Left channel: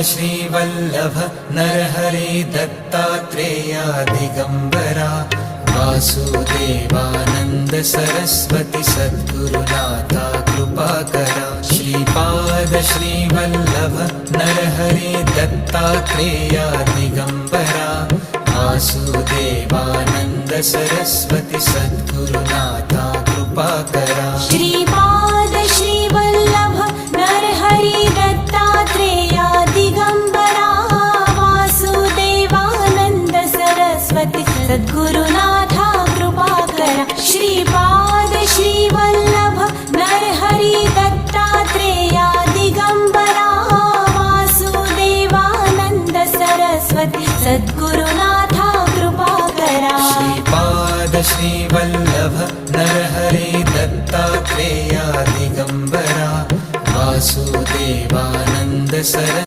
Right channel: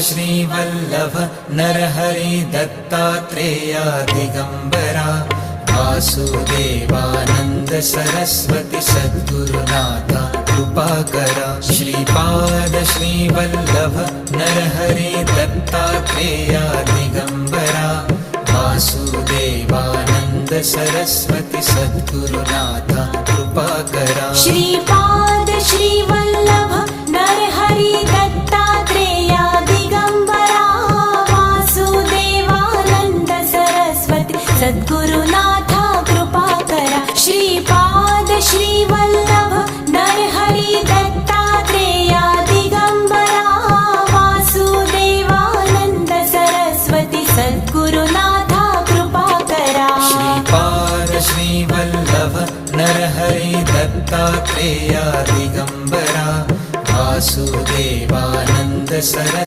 Shrivallabh Narhari Dattatreya Digambara Vasudevanand Saraswati सद्गुरुनाथा कृपाकरा Shripad Shrivallabh Narhari Dattatreya Digambara Vasudevanand Saraswati सद्गुरुनाथा कृपाकरा Shripad Shrivallabh Narhari Dattatreya Digambara Vasudevanand Saraswati सद्गुरुनाथा कृपाकरा Shripad Shrivallabh Narhari Dattatreya Digambara Vasudevanand Saraswati सद्गुरुनाथा कृपाकरा Shripad Shrivallabh Narhari Dattatreya Digambara Vasudevanand Saraswati